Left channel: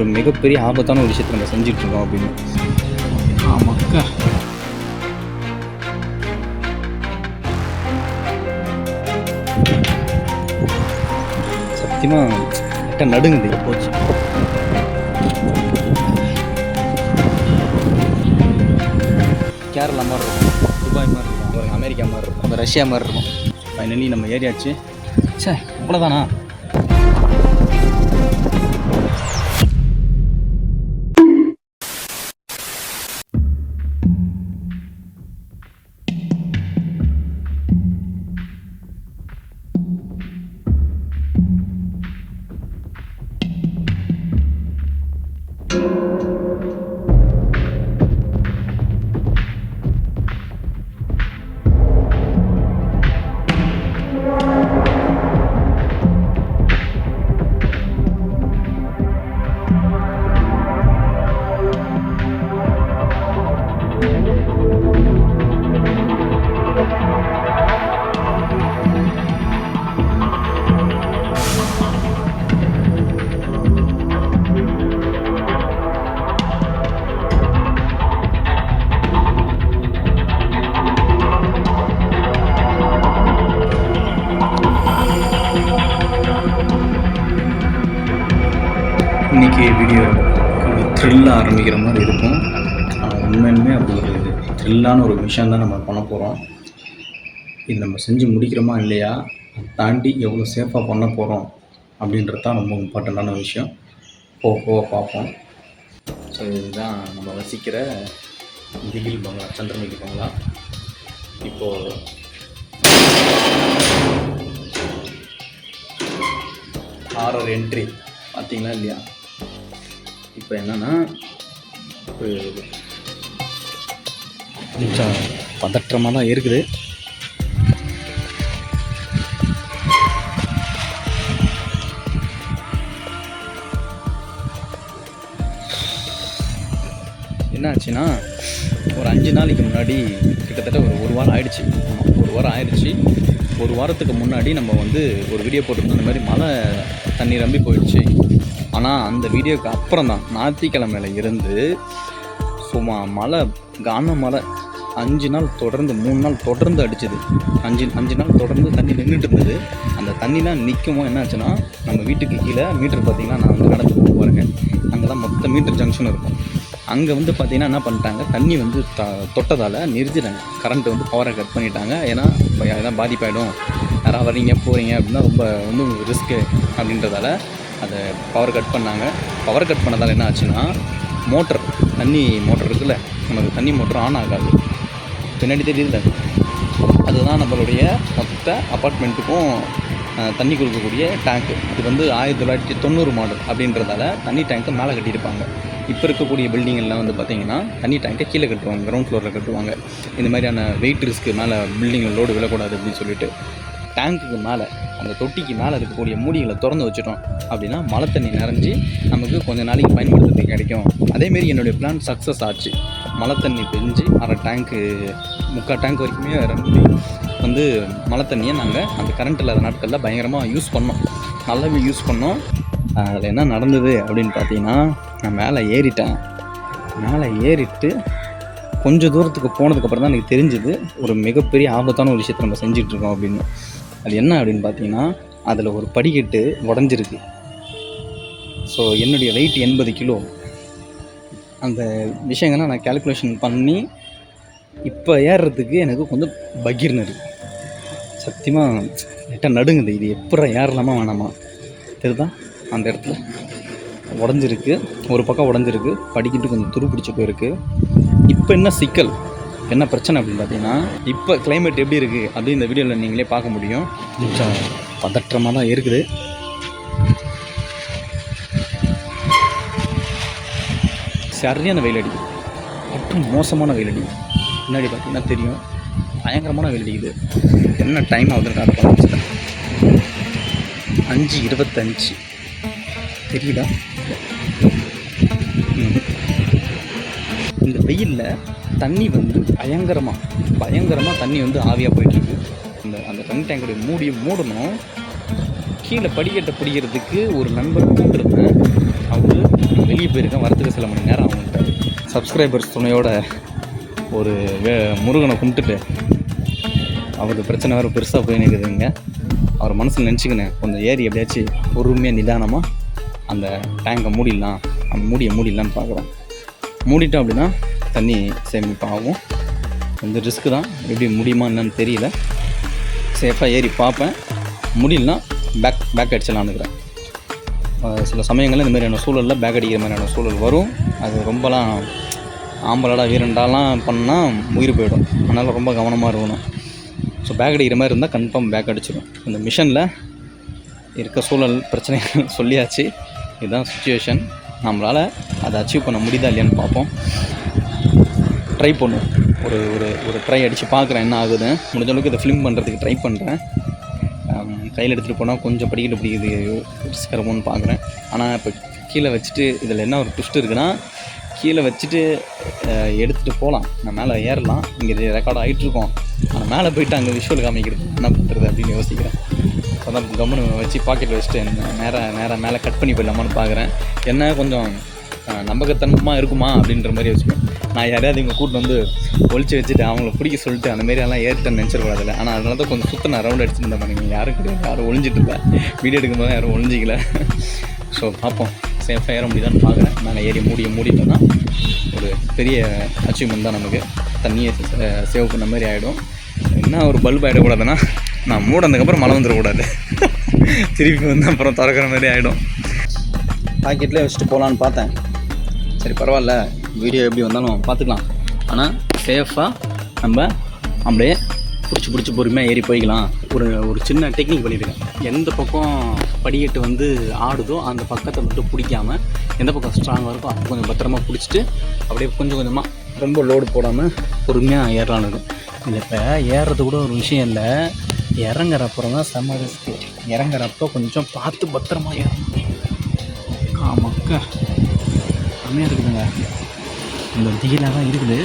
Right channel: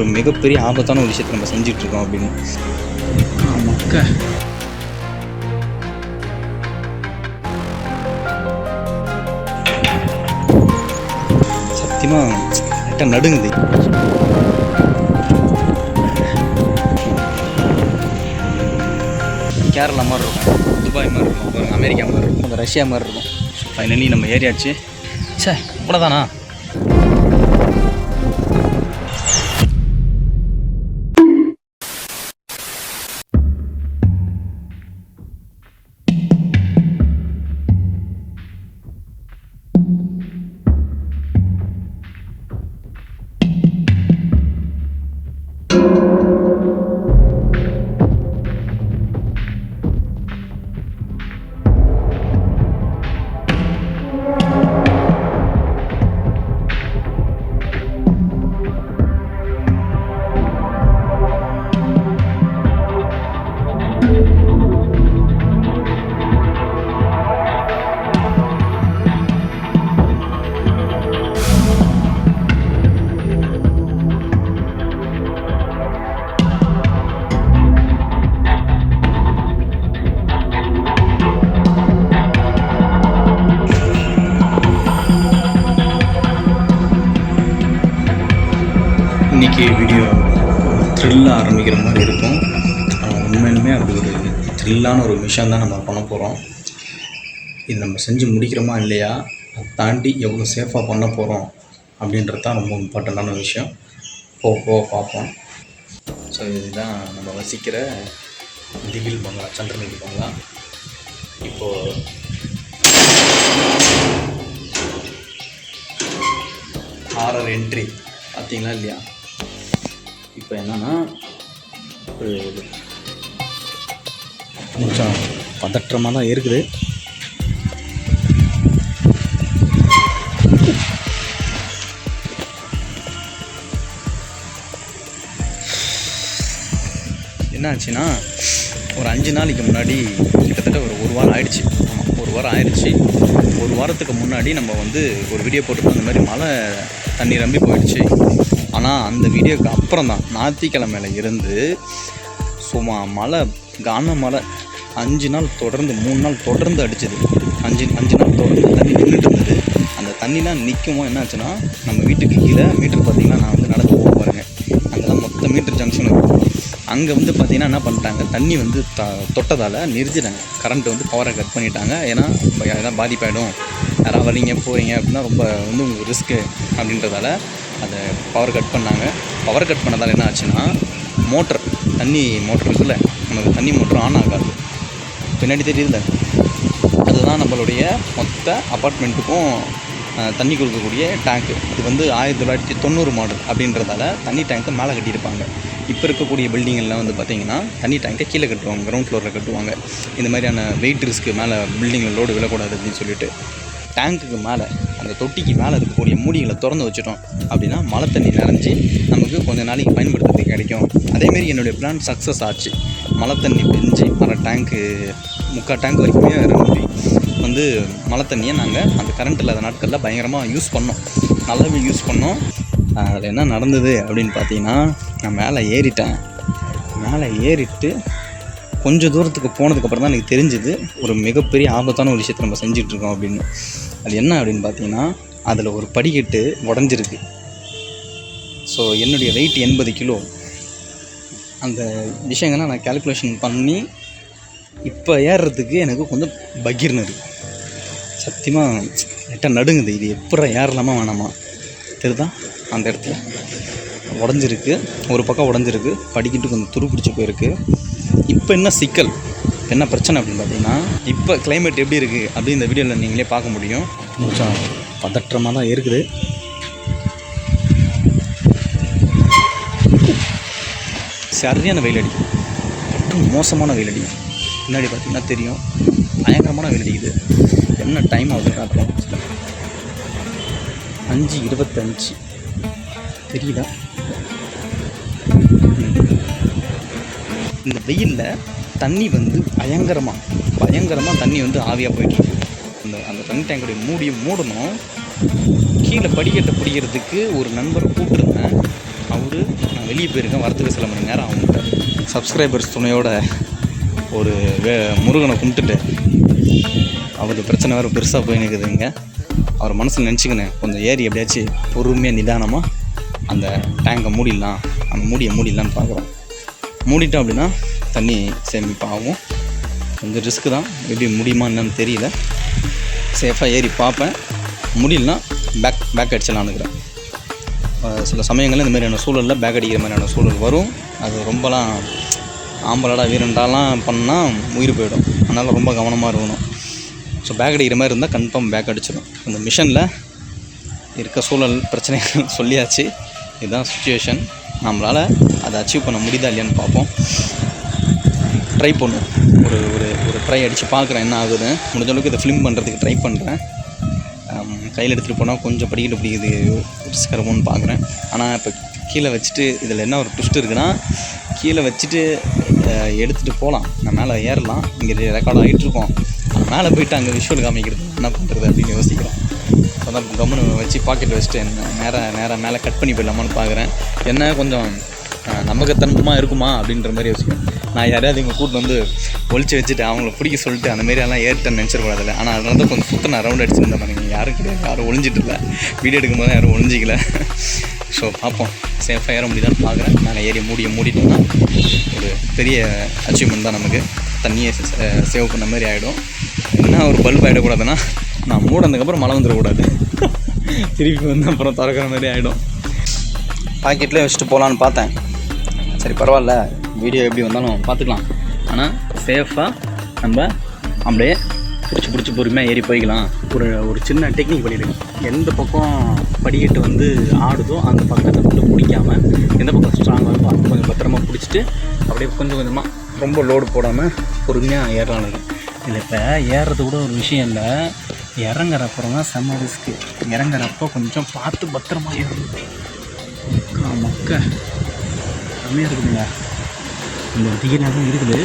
ஒரு மிகப்பெரிய ஆபத்தான ஒரு விஷயத்தை நம்ம செஞ்சிட்ருக்கோம் அப்படின்னு. மக்கா சத்தியமாக லைட்டாக நடுங்குது. கேரளா மாதிரி இருக்கும், துபாய் மாதிரி இருக்கும், அப்புறம் அமெரிக்கா மாதிரி இருக்கும், அந்த ரஷ்யா மாதிரி இருக்கும். ஃபைனலி நம்ம ஏரியாச்சு. சே இவ்வளோதானா? இன்றைக்கி வீடியோ த்ரில்லாக ஆரம்பிக்கிற மாதிரி இருக்கும். ஆனால் உண்மையிலுமே அப்படி ஒரு த்ரில்லான ஒரு விஷயம் தான் நம்ம பண்ண போகிறோம். இது நம்ம செஞ்சு முடிக்கிறோமா இல்லையா, அதை தாண்டி எவ்வளோ சேஃபாக பண்ண போகிறோம் அப்படின்றது தான் ரொம்ப இம்பார்ட்டண்ட்டான விஷயம். போக பார்ப்போம். ஸோ இதுதான் நம்ம வசிக்கிற திகில் பங்களா, சந்திரமுகி பங்களா. இப்போது ஹாரர் என்ட்ரி பார்த்தீங்களா இல்லையா? இப்போ என்னென்னா ஒரு கொஞ்சம் பதற்றமாக தான் இருக்குது. என்ன ஆச்சுன்னா, ஒரு 5 நாளைக்கு முன்னாடி, கிட்டத்தட்ட ஒரு வாரம் ஆயிடுச்சு. ஆமாம், ஒரு வாரம் ஆயிடுச்சு. ஒரு வாரத்துக்கு முன்னாடி நம்ம வந்து ஒரு வீடியோ போட்டுருக்கோம். இந்த மாதிரி மழை தண்ணி ரம்பி போயிடுச்சு. ஆனால் அந்த வீடியோக்கு அப்புறம் தான் ஞாயிற்றுக்கிழமையில இருந்து சும்மா மழை, கான மழை 5 நாள் தொடர்ந்து, 3 நாள் தொடர்ந்து அடிச்சுது. 5 நாள் தொடர்ந்து தண்ணி நின்றுட்டு இருந்தது. அந்த தண்ணிலாம் நிற்கவும் என்ன ஆச்சுன்னா, நம்ம வீட்டுக்கு கீழே மீட்ரு பார்த்திங்கன்னா, நான் வந்து நடந்து போக பாருங்க, அங்கெல்லாம் மொத்த மீட்ரு ஜங்ஷன் இருக்கும். அங்கே வந்து பார்த்திங்கன்னா என்ன பண்ணிட்டாங்க, தண்ணி வந்து தொட்டதால் நிறுத்திட்டாங்க. கரண்ட்டு வந்து பவரை கட் பண்ணிட்டாங்க. ஏன்னா எதாவது பாதிப்பாயிடும், யாராவது வரீங்க போகிறீங்க அப்படின்னா ரொம்ப வந்து உங்களுக்கு ரிஸ்க்கு அப்படின்றதால அதை பவர் கட் பண்ணாங்க. பவர் கட் பண்ணதால் என்ன ஆச்சுன்னா, மோட்டர், தண்ணி மோட்டர் இருக்குல்ல, நமக்கு தண்ணி மோட்டர் ஆன் ஆகாது. பின்னாடி தெரியுதுல்ல, அதுதான் நம்மளுடைய மொத்த அப்பார்ட்மெண்ட்டுக்கும் தண்ணி கொடுக்கக்கூடிய டேங்க்கு. இது வந்து 1990 மாடல் அப்படின்றதால தண்ணி டேங்க்கை மேலே கட்டியிருப்பாங்க. இப்போ இருக்கக்கூடிய பில்டிங்கெல்லாம் வந்து பார்த்திங்கன்னா தண்ணி டேங்கை கீழே கட்டுவாங்க, கிரவுண்ட் ஃப்ளோரில் கட்டுவாங்க. இந்த மாதிரியான வெயிட் ரிஸ்க்கு மேலே பில்டிங்கில் லோடு விழக்கூடாது அப்படின்னு சொல்லிட்டு டேங்க்குக்கு மேலே, அந்த தொட்டிக்கு மேலே இருக்கக்கூடிய மூடிகளை திறந்து வச்சுட்டோம் அப்படின்னா மழை தண்ணி நிறைஞ்சி நமக்கு கொஞ்சம் நாளைக்கு பயன்படுத்துறதுக்கு கிடைக்கும். அதேமாரி என்னுடைய பிளான் சக்ஸஸ் ஆச்சு. மழை தண்ணி பெஞ்சு அரை டேங்க்கு, 3/4 டேங்க் வரைக்குமே நிரம்பி வந்து மழை தண்ணியை நாங்கள் அந்த கரண்ட் இல்லாத நாட்களில் பயங்கரமாக யூஸ் பண்ணோம், நல்லாவே யூஸ் பண்ணோம். அதில் என்ன நடந்தது அப்படின்னு பார்த்தீங்கன்னா, நான் மேலே ஏறிட்டேன். மேலே ஏறிட்டு கொஞ்சம் தூரத்துக்கு போனதுக்கப்புறம் தான் எனக்கு தெரிஞ்சுது ஒரு மிகப்பெரிய ஆபத்தான ஒரு விஷயத்தை நம்ம செஞ்சிட்ருக்கோம் அப்படின்னு. அது என்ன அப்படின்னு பார்த்தீங்கன்னா, அதில் ஒரு படிக்கட்டு உடஞ்சிருக்கு. ஸோ என்னுடைய வெயிட் 80 கிலோ. அந்த விஷயங்கள்லாம் நான் கேல்குலேஷன் பண்ணி இப்போ ஏறுறதுக்கு எனக்கு கொஞ்சம் பகீர்னு இருக்குது. சத்தியமாக லைட்டாக நடுங்குது. இது எப்போ ஏறலாமா வேணாமா தெரியுதா? அந்த இடத்துல உடஞ்சிருக்கு, ஒரு பக்கம் உடஞ்சிருக்கு, படிக்கிட்டு கொஞ்சம் துரு பிடிச்சி போயிருக்கு. இப்போ என்ன சிக்கல், என்ன பிரச்சனை அப்படின்னு பார்த்தீங்கன்னா, இப்போ கிளைமேட் எப்படி இருக்குது அப்படின்னு இந்த வீடியோவில் நீங்களே பார்க்க முடியும். கொஞ்சம் பதற்றமாக தான் இருக்குது. சரியான வெயில் அடிக்குது, மற்றும் மோசமான வெயில் அடிக்குது. பின்னாடி பார்த்திங்கன்னா தெரியும், பயங்கரமான வெயில் அடிக்குது. என்ன டைம் ஆகுதுன்னு காட்டலாம். 5:25 தெரியுதா? இந்த வெயிலில் தண்ணி வந்து பயங்கரமாக தண்ணி வந்து ஆவியாக போயிட்டுருக்கு. அந்த தண்ணி டேங்குடைய மூடணும். கீழே படிக்கட்டை பிடிக்கிறதுக்கு ஒரு நண்பரை கூப்பிட்டுருந்தேன். அவரு நான் வெளியே போயிருக்கேன், வரத்துக்கு சில மணி நேரம் ஆகும்ட்டார். சப்ஸ்கிரைபர்ஸ் துணையோட ஒரு முருகனை கும்பிட்டுட்டு அவருக்கு பிரச்சனை வேறு பெருசாக போய் நிற்குதுங்க. அவர் மனசில் நினச்சிக்கினேன் கொஞ்சம் ஏறி எப்படியாச்சும் பொறுமையாக நிதானமாக அந்த டேங்கை மூடிடலாம், அந்த மூடிடலான்னு பார்க்குறோம். மூடிட்டோம் அப்படின்னா தண்ணி சேமிப்பாகும். கொஞ்சம் ரிஸ்க்கு தான், எப்படி முடியுமா என்னன்னு தெரியல. சேஃபாக ஏறி பார்ப்பேன், முடியலனா பேக் அடிச்சலான்னுக்கிறேன். சில சமயங்களில் இந்த மாதிரியான சூழலில் பேக் அடிக்கிற மாதிரியான சூழல் வரும். அது ரொம்பலாம் ஆம்பளடா வீரண்டாலாம் பண்ணால் உயிர் போயிடும். அதனால் ரொம்ப கவனமாக இருக்கணும். ஸோ பேக் அடிக்கிற மாதிரி இருந்தால் கன்ஃபார்ம் பேக் அடிச்சிடும். இந்த மிஷனில் இருக்க சூழல் பிரச்சனைகள் சொல்லியாச்சு. இதுதான் சுச்சுவேஷன். நம்மளால் அதை அச்சீவ் பண்ண முடியுதா இல்லையான்னு பார்ப்போம். ட்ரை பண்ணுவோம். ஒரு ஒரு ஒரு ட்ரை அடித்து பார்க்குறேன் என்ன ஆகுதுன்னு. முடிஞ்ச அளவுக்கு இதை ஃபிலிம் பண்ணுறதுக்கு ட்ரை பண்ணுறேன். கையில் எடுத்துகிட்டு போனால் கொஞ்சம் பிடிக்குது ரிஸ்கரமோன்னு பார்க்குறேன். ஆனால் இப்போ கீழே வச்சுட்டு இதில் என்ன ஒரு ட்விஸ்ட் இருக்குன்னா, கீழே வச்சுட்டு எடுத்துகிட்டு போகலாம், நான் மேலே ஏறலாம், இங்கே ரெக்கார்ட் ஆகிட்டுருக்கோம். ஆனால் மேலே போய்ட்டு அங்கே விஷுவல் காமிக்கிறது என்ன பண்ணுறது அப்படின்னு யோசிக்கிறேன். அதான் கம்முன்னு வச்சு பாக்கெட்டில் வச்சுட்டு நேராக மேலே கட் பண்ணி போயிடலாமான்னு பார்க்குறேன். என்ன கொஞ்சம் நம்பகத்தனமாக இருக்குமா அப்படின்ற மாதிரி யோசிக்கும். நான் யாரையாவது இங்கே கூட்டு வந்து ஒழிச்சு வச்சுட்டு அவங்கள பிடிக்க சொல்லிட்டு அந்த மாரியெல்லாம் ஏறிட்டேன்னு நினச்சிடக்கூடாதுல்ல. ஆனால் அதனால தான் கொஞ்சம் சுத்த நான் ரவுண்ட் அடிச்சுருந்தேன் பாருங்க. யாரும் கிடையாது, யாரும் ஒழிஞ்சிட்டு இல்லை. வீடியோ எடுக்கும்போது யாரும் ஒழிஞ்சிக்கல. ஸோ பார்ப்போம், சேஃபாக ஏற முடியுதான்னு பார்க்குறேன். நாங்கள் ஏறி மூடிட்டோம்னா ஒரு பெரிய அச்சீவ்மெண்ட் தான் நமக்கு. தண்ணியை சேவ் பண்ண மாதிரி ஆகிடும். என்ன ஒரு பல்ப் ஆகிடக்கூடாதுன்னா, நான் மூடனதுக்கப்புறம் மழை வந்துடக்கூடாது. திருப்பி வந்து அப்புறம் திறக்கிற மாதிரி ஆகிடும். பாக்கெட்லேயே வச்சுட்டு போகலான்னு பார்த்தேன். சரி பரவாயில்ல, வீடியோ எப்படி வந்தாலும் பார்த்துக்கலாம். ஆனால் சேஃபாக நம்ம அப்படியே பிடிச்சி பொறுமையாக ஏறி போய்க்கலாம். ஒரு சின்ன டெக்னிக் பண்ணியிருக்கேன். எந்த பக்கம் படிக்கட்டு வந்து ஆடுதோ அந்த பக்கத்தை மட்டும் பிடிக்காமல், எந்த பக்கம் ஸ்ட்ராங்காக இருக்கோ அது கொஞ்சம் பத்திரமா பிடிச்சிட்டு அப்படியே கொஞ்சம் கொஞ்சமாக ரொம்ப லோடு போடாமல் பொறுமையாக ஏறலான்னு இருக்கும். இதில் இப்போ ஏறுறது கூட ஒரு விஷயம் இல்லை, இறங்குறப்புறம் தான் செம்ம ரிஸ்க்கு. இறங்குறப்போ கொஞ்சம் பார்த்து பத்திரமா ஏறணும். மக்கா செம்மையாக இருக்குதுங்க. இந்த திகிலாக தான் இருக்குது.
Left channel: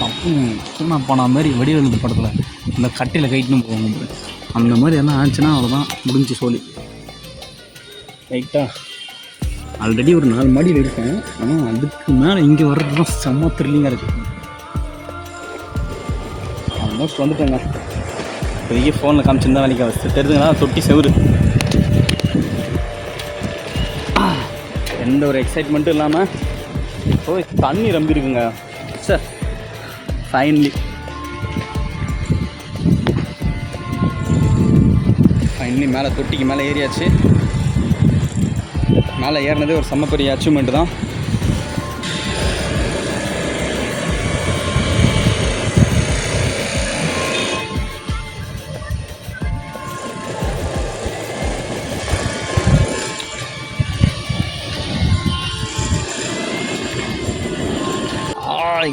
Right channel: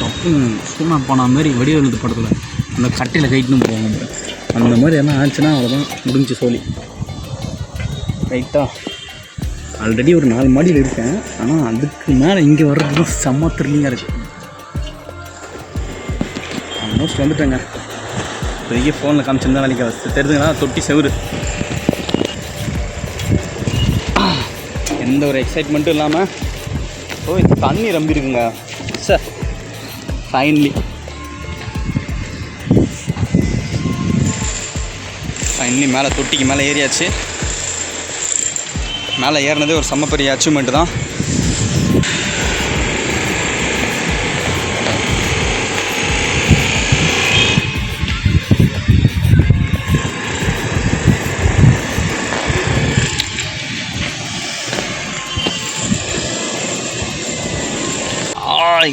தப்பு சூனா போன மாதிரி வடிவெழுது படத்தில் அந்த கட்டையில் கைட்டுன்னு போவாங்க. அந்த மாதிரி என்ன ஆச்சுன்னா அவ்வளோதான், முடிஞ்சு சோழி. ரைட்டாக ஆல்ரெடி ஒரு 4 மாடியில் இருக்கேன். ஆனால் அதுக்கு மேலே இங்கே வர்றது தான் செம்ம த்ரில்லிங்காக இருக்குது. ஆல்மோஸ்ட் வந்துட்டேங்க. பெரிய ஃபோனில் காமிச்சிருந்தா வேலைக்கு வச்சு தெரிஞ்சுங்களா, தொட்டி செவுரு. எந்த ஒரு எக்ஸைட்மெண்ட்டும் இல்லாமல் தண்ணி ரம்பி இருக்குங்க. சார் ஃபைனலி மேலே தொட்டிக்கு மேலே ஏறியாச்சு. மேலே ஏறினதே ஒரு செம்ம பெரிய அச்சீவ்மெண்ட் தான்.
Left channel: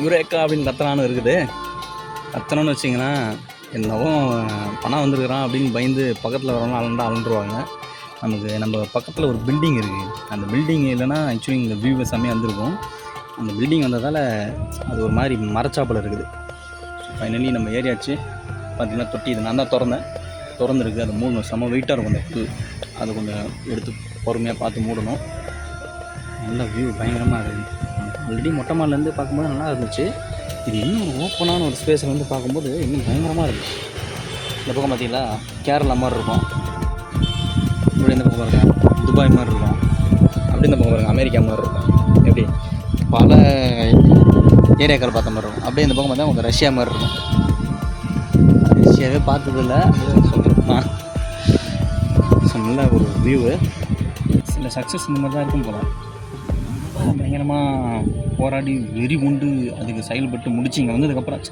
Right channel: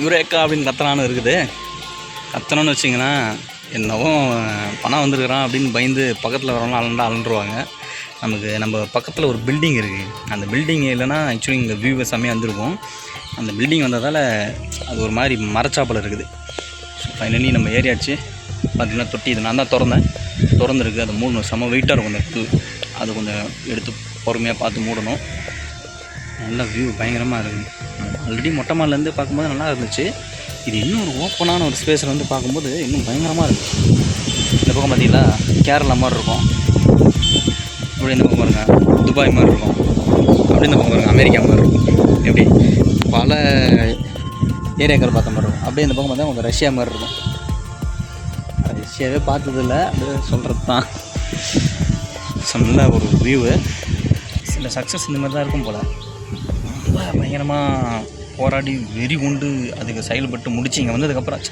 யுரேக்கா அப்படின்னு கத்தனான்னு இருக்குது. கத்தணும்னு வச்சிங்கன்னா என்னவோ பணம் வந்துருக்குறான் அப்படின்னு பயந்து பக்கத்தில் வரவங்க அலண்டுருவாங்க. நம்ம பக்கத்தில் ஒரு பில்டிங் இருக்குது. அந்த பில்டிங் இல்லைன்னா ஆக்சுவலி இங்கே வியூ செம்மையாக வந்திருக்கும். அந்த பில்டிங் வந்ததால் அது ஒரு மாதிரி மரச்சாப்பில் இருக்குது. ஸோ ஃபைனலி நம்ம ஏரியாச்சு. பார்த்திங்கன்னா தொட்டி இது நான் தான் திறந்துருக்கு. அது மூடணும், செம்ம வெயிட்டாக இருக்கும் அந்த இடத்து. அது கொஞ்சம் எடுத்து பொறுமையாக பார்த்து மூடணும். நல்ல வியூ பயங்கரமாக இருக்குது. ஆல்ரெடி மொட்டை மாடிலேருந்து பார்க்கும்போது நல்லா இருந்துச்சு. இது இன்னும் ஒரு ஓப்பனான ஒரு ஸ்பேஸில் வந்து பார்க்கும்போது இன்னும் பயங்கரமாக இருக்குது. இந்த பக்கம் பார்த்திங்களா கேரளா மாதிரி இருக்கும், இப்படி இந்த பக்கம் பாருங்க துபாய் மாதிரி இருக்கும், அப்படி இந்த பக்கம் பாருங்க அமெரிக்கா மாதிரி இருக்கும். எப்படி பல ஏரியாக்கள் பார்த்த மாதிரி இருக்கும். அப்படியே இந்த பக்கம் பார்த்தா கொஞ்சம் ரஷ்யா மாதிரி இருக்கும். ரஷ்யாவே பார்த்ததில்ல, அப்படியே சொல்கிறது தான். நல்ல ஒரு வியூவு. சில சக்ஸஸ் இந்த மாதிரி தான் இருக்கும் போல். ரொம்ப பயங்கரமாக போராடி வெறி கொண்டு அதுக்கு செயல்பட்டு முடிச்சு இங்கே வந்ததுக்கப்புறம்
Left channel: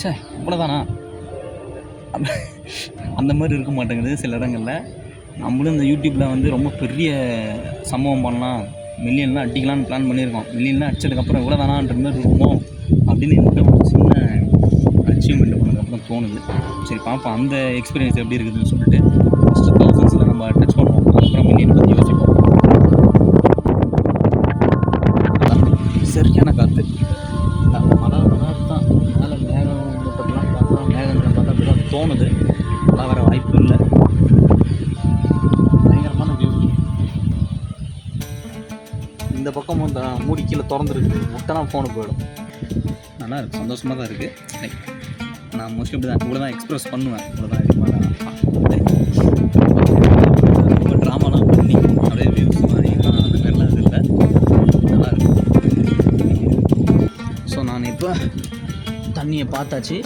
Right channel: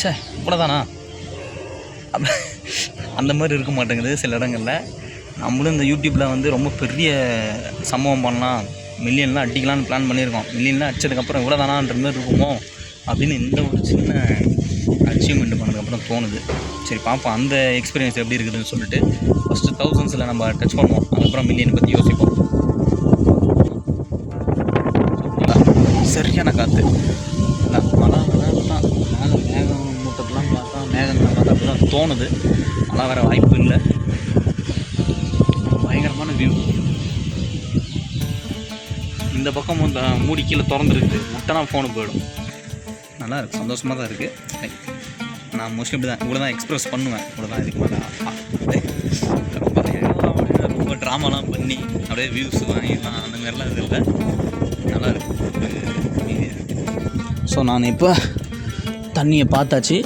சே இவ்வளோதானா அந்த மாதிரி இருக்க மாட்டேங்குது சில இடங்களில். நம்மளும் இந்த யூடியூப்பில் வந்து ரொம்ப பெரிய சம்பவம் பண்ணலாம், மில்லியன்லாம் அடிக்கலான்னு பிளான் பண்ணியிருக்கோம். மில்லியன்லாம் அடித்ததுக்கப்புறம் இவ்வளோதானான்ற மாதிரி இருக்குமோ அப்படின்னு இந்த ஒரு சின்ன அச்சீவ்மெண்ட் பண்ணதுக்கப்புறம் தோணுது. சரி பார்ப்போம் அந்த எக்ஸ்பீரியன்ஸ் எப்படி இருக்குதுன்னு சொல்லிட்டு ஃபஸ்ட்டு 1000s நம்ம டச் பண்ணுவோம், அதுக்கப்புறம் மில்லியனை பற்றி யோசிப்போம். சரியான காற்று மழை தான். மேலே மேகம் மூட்டத்தெலாம் பார்த்தா மேகங்களை பார்த்தா அப்படி தான் தோணுது. மழை வர வாய்ப்பு இல்லை. பயங்கரமான வியூ. இந்த பக்கம் இந்த மூடி கீழே திறந்துருக்குது, முட்டைனா ஃபோனு போயிடும். நல்லா இருக்குது, சந்தோஷமாக தான் இருக்குது. நான் மோஸ்ட்லி இப்படி தான் இவ்வளோ தான் எக்ஸ்ப்ரெஸ் பண்ணுவேன், இவ்வளோ தான் இதுக்கு மேலே ரொம்ப ட்ராமாலாம் பண்ணி அப்படியே வியூஸ் வாங்கிடலாம் அந்த மாதிரிலாம் இது இல்லை. நல்லா இருக்கும். ஸோ நான் இப்போ தண்ணியை பார்த்தாச்சு,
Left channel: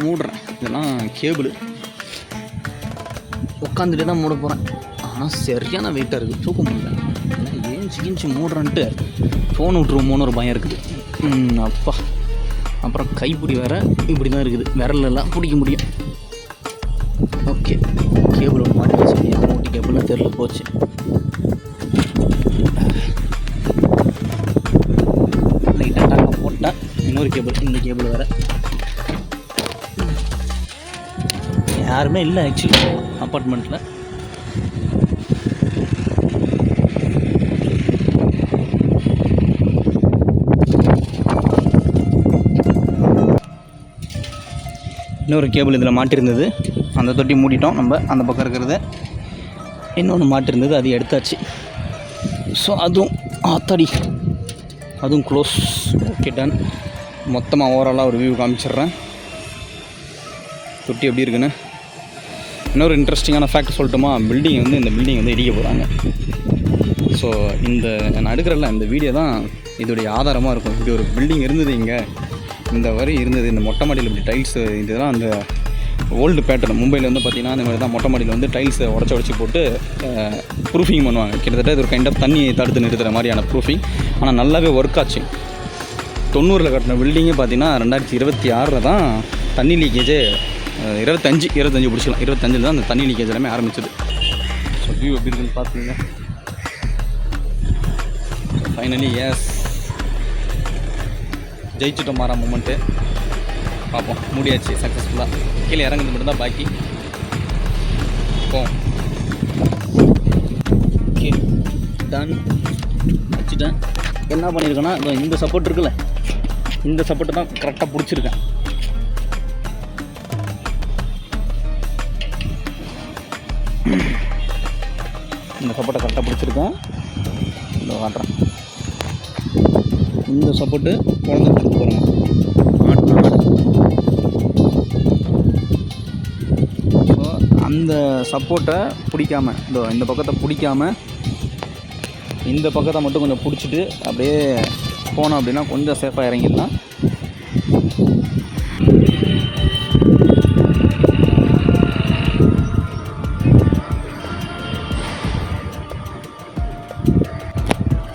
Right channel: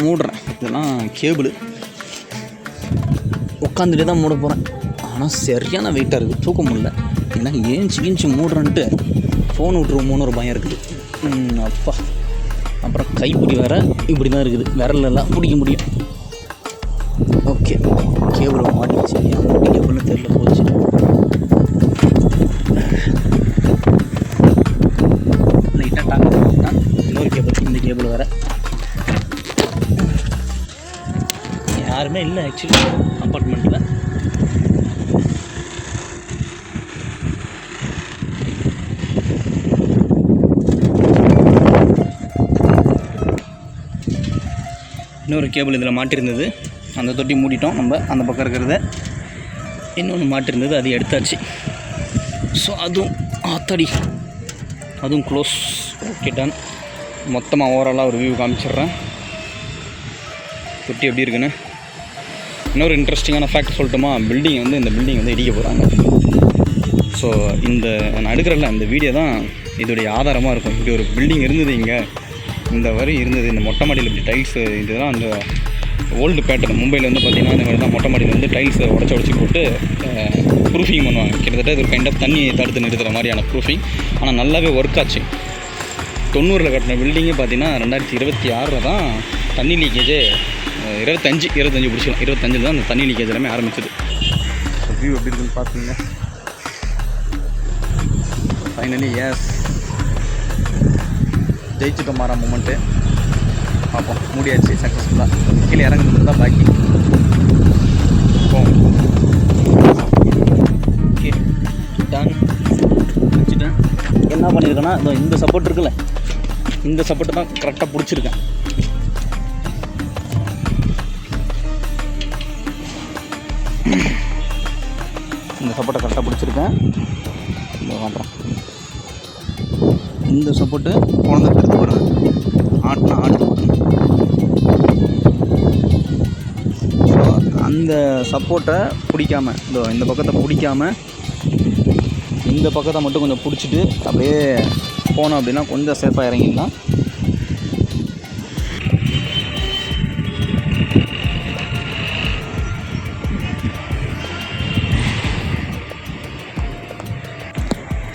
மூடுறேன். இதெல்லாம் கேபிள் உட்காந்துட்டே தான் மூட போகிறேன். ஆனால் சரியான வெயிட்டாக இருக்குது, தூக்க முடியல. ஏன்னா ஏஞ்சி மூடுறேன்ட்டு ஃபோன் விட்ருவோமோன்னு ஒரு பயம் இருக்குது. அப்பா, அப்புறம் கைப்பிடி வேறு இப்படி தான் இருக்குது, விரலெல்லாம் பிடிக்க முடியும். Okay, cable மாட்டிச்சு. என் கேபிள்னு தெரியல, போச்சு. லைட்டாக டாக் பண்ணிட்டேன். இன்னொரு கேபிள், இந்த கேபிள் வேறு யாருமே இல்லை ஆக்சுவலி அப்பார்ட்மெண்ட்டில். இன்னொரு கேபிள் இதில் மாட்டிருந்தது, அந்த தொட்டி மூடிட்டோம் நம்ம. அந்த பக்கம் இருக்கிறத இன்னொன்று மாட்டிருந்தது, அது எடுத்தாச்சு. ஸோ அதுவும் ஆத்தாடி, அதுவும் க்ளோஸ். Okay, ton. மொத்தமாக ஓவராலாக ஒரு வியூ காமிச்சிட்றேன் தொட்டி எப்படி இருக்குன்னு. இன்னொரு இன்ட்ரெஸ்டிங்கான ஃபேக்ட் சொல்லட்டுமா? பில்டிங் வந்து இந்த பில்டிங் வந்து இடிக்க போகிறாங்க. ஸோ இந்த நான் எடுக்கிறல்ல இந்த வீடியோ தான் இதோடைய ஆதாரமாக இருக்கும். இப்படி ஒரு பில்டிங் இருந்தது, இங்கே இந்த வரி இருந்தது. இந்த மொட்டை மாடியில் இப்படி டைல்ஸு, இதுதான் அந்த ஓல்டு பேட்டர்ன். மும்பையில் வந்து பார்த்திங்கன்னா இந்த மாதிரி தான் மொட்டை மாடியில் வந்து டைல்ஸை உடச்சி போட்டு ப்ரூஃபிங் பண்ணுவாங்க. கிட்டத்தட்ட இது ஒரு கைண்ட் ஆஃப் தண்ணி தடுத்து நிறுத்துகிற மாதிரியான ப்ரூஃபிங். ஆனால் நல்லாவே ஒர்க் ஆச்சு. 90 கட்டின பில்டிங்கே பார்த்திங்கன்னா 2026 தான் தண்ணி லீக்கேஜே 25 பிடிச்சிக்கலாம். 25 தான் அந்த தண்ணி லீக்கேஜ் எல்லாமே ஆரம்பிச்சது. ஸோ வியூ எப்படி இருக்குன்னு பார்த்துங்க. ஃபைனலி எஸ், ஜெயிச்சுட்டோம். மாற மூமெண்ட்டு பார்ப்போம். மூடியாச்சு சக்ஸஸ்ஃபுல்லாக. கீழே இறங்குறது மட்டும் தான் பாக்கி. Okay, done. வச்சுட்டேன். என்ன பண்ணியிருக்கேன்னா, இந்த சப்போர்ட் இருக்குல்ல, இந்த சப்போர்ட்டை தான் கரெக்டாக பிடிச்சிருக்கேன். இந்த சப்போர்ட்டை கரெக்டாக பிடிச்சிருக்கேன். இந்த காட்டுறேன். இந்த சப்போர்ட்டு குழந்தை எடுத்து பாருங்கள், ஆட்டினா ஆட்டு. ஸோ அந்த சப்போர்ட்டை பிடிக்காமல், இந்த பக்கத்தை பிடிக்காமல் இந்த பக்கத்தை மட்டும் கொஞ்சம் பிடிச்சிட்டு அப்படியே போனோம் அப்படின்னா கொஞ்சம் சேஃபாக இறங்கிடலாம்.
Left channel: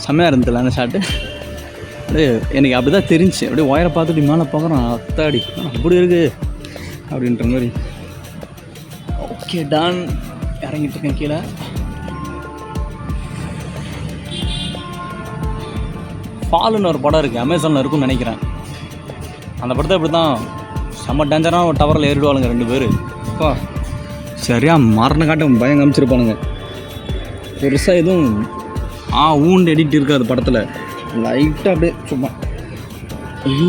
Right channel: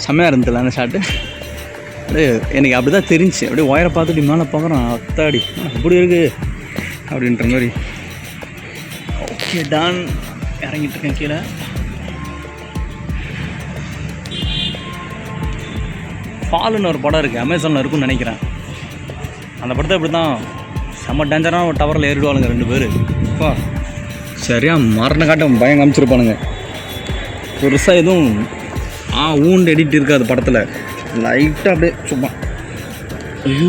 செம்மையாக இருந்ததில்ல அந்த ஷாட்டு. அப்படியே எனக்கு அப்படி தான் தெரிஞ்சு. அப்படியே ஒயரை பார்த்துட்டு மேலே பார்க்குறோம், அத்தாடி இப்படி இருக்குது அப்படின்ற மாதிரி. Okay, done. இறங்கிட்டு இருக்கேன் கீழே. ஃபால்னு ஒரு படம் இருக்குது, அமேசானில் இருக்குன்னு நினைக்கிறேன். அந்த படத்தை இப்படி தான் செம்ம டேஞ்சரான ஒரு டவரில் ஏறிடுவாளுங்க 2 பேர். அப்பா சரியாக மரண காட்டம் பயம் காமிச்சிருப்பானுங்க. பெருசாக எதுவும் ஊண்டு எடிட் இருக்காது படத்தில். லைட்டாக அப்படியே சும்மா. ஐயோ,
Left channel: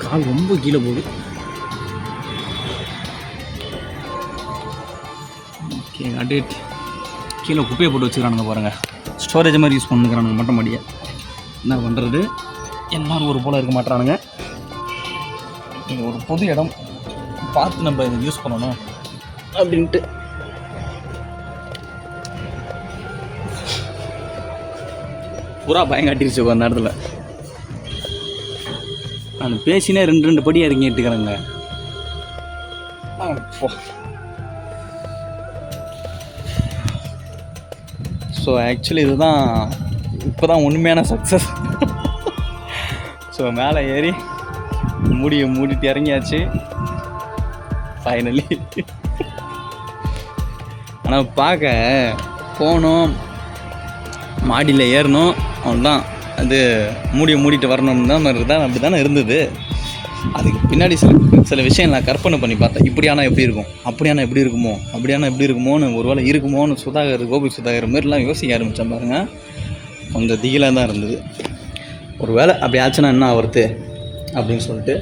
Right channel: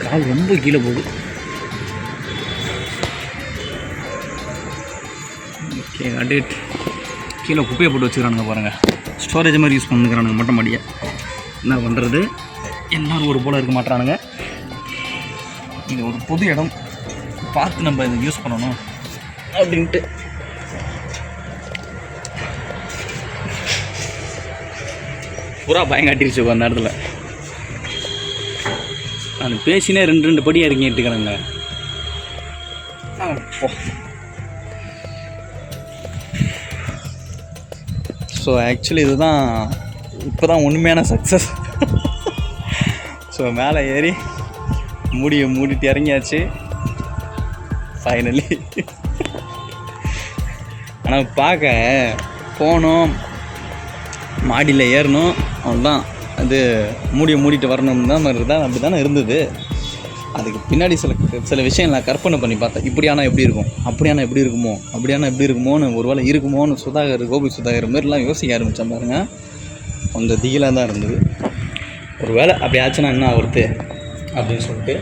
கால் ரொம்ப கீழே போகுது. ஓகே, அடிட். கீழே குப்பையை போட்டு வச்சுக்கிறானுங்க பாருங்கள். ஸ்டோரேஜ் மாதிரி யூஸ் பண்ணிக்கிறானுங்க மொட்டை மாடியை. என்ன பண்ணுறது, எல்லோரும் ஒரு போல் இருக்க மாட்டானுங்க. இது ஒரு பொது இடம், பார்த்து நம்ம இதை யூஸ் பண்ணணும் அப்படின்ட்டு. பூரா பயங்காட்டிருச்சு அந்த இடத்துல. நான் பேசினே 2 படி இறங்கிட்டுக்கிறேங்க. ஸோ ஆக்சுவலி இதுதான் இப்போ தான் உண்மையான சக்ஸஸ். ஸோ மேலே ஏறி மூடிட்டு இறங்கியாச்சு ஃபைனலி. ஆனால் பார்க்க போனோம், மாடியில் ஏறணும், அவ்வளோதான். அது மூடிட்டு வரணும் தான் மாதிரி தான், அப்படி தானே இருந்தது. அதுக்கு பின்னாடி சில விஷயம் நான் கற்பனை பண்ணி பார்த்தேன். இப்படியானா எப்படி இருக்கும், அப்படியானா எப்படி இருக்குமோன்னு ஒரு வேளை இருக்குமோன்னு கோபி சுதாகர் மாதிரிலாம் யோசிக்க ஆரம்பித்தேன் பாருங்க. கொஞ்சம் திகிலாக தான் இருந்தது. ஒரு வேளை அப்படி ஆச்சுன்னா என்ன ஆகுறது அப்படின்னு சொல்லிட்டு.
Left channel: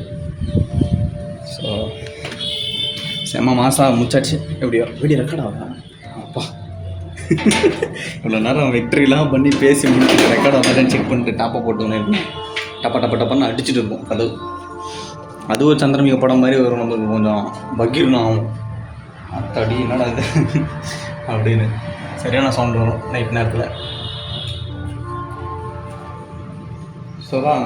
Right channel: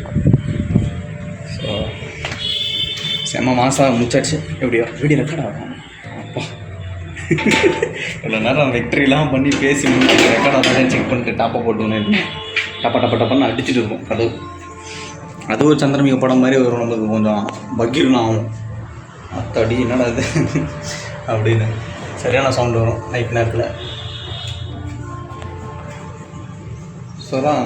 ஸோ செம்ம மாதம் முடிச்சாச்சு. எப்படியோ வீடியோ ரெக்கார்ட் ஆகும். அப்பா இவ்வளோ நேரம் வெக்டரிலாம் பண்ணி பேசி முடிச்சு ரெக்கார்ட் ஆகாதுன்னு செக் பண்ணிட்டு டாப்பை போட்டுன்னு இருக்கேன். டப்பன்னு அடிச்சுட்டு இருக்கும் கதவு. அது ஒரு சந்திரமிக படம் மாதிரி வரும், நமக்கு கொஞ்சம் பக்கீர்னு ஆகும். அத்தடி என்னடா இது அப்படின்னு சரியான சவுண்டு வரும் நைட் நேரத்தில். ஸோ தான்